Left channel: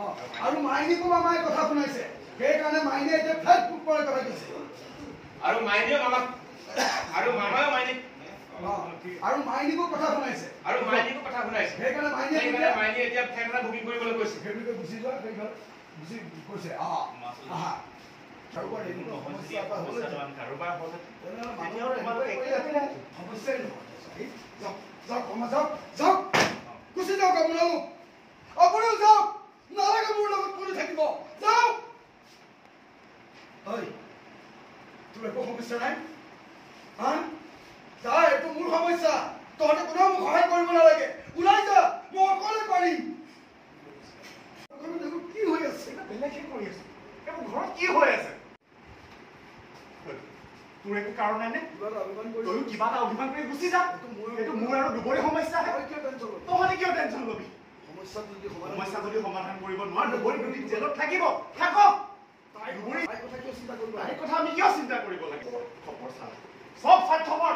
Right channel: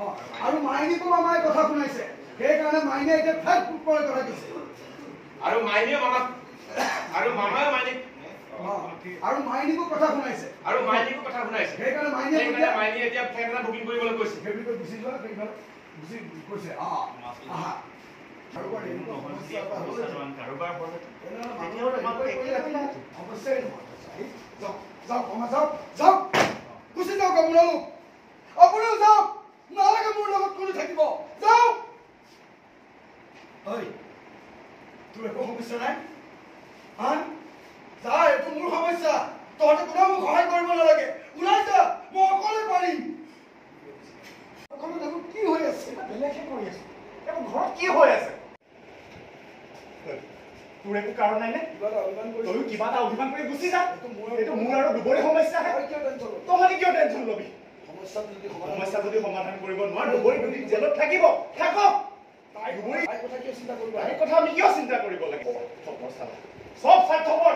আৰু মাইনীকো মামাই কথা শুনাইছে সেইকাৰণে মাইনে এতিয়া ফেক কৰে কথা কৈছে আৰু মাইনীও মামাক আৰু মামাও মাইনীক আৰু মাইনীকো কথা শুনাইছে সেইকাৰণে মাইনী এতিয়া ফেক এটা বুকিং কৰিবলৈ কৈছে সেইবিলাক গুচি যোৱা সেইবিলাক গুচি কৈছে আহা আৰু কাৰোবাৰ হ'ল অৱশ্যেই যাওক গুচি যাওক আপোনালোক যাওক নালাগে মোৰ লগত কোনো থাকিব যাওক তোৰ একো সমস্যা নাই যা এইটো মোৰ সমস্যা তহঁতে কোনেও মোক সহায় কৰিব নালাগে ওলাই যা মই অকলে পাৰিম কি হৈ আছে বেলেগহে কৰি আছো এইবোৰ ঘৰত কি হৈ আছে তোৰ একো কাৰণ নাই নে তয়ো কিবা এটা অভিমান কৰি গুচি যা এইটো মোৰ আৰু দুবৰি সমস্যা তহঁতে কিয় টেনশ্যন ল'বি সমস্যা যদি সমাধান কৰিব নোৱাৰ দুবৰি যদি জেলত থাকিব থাকক তাই কথা আমি কিয় চিন্তা কৰিব লাগে চব স্বাৰ্থপৰ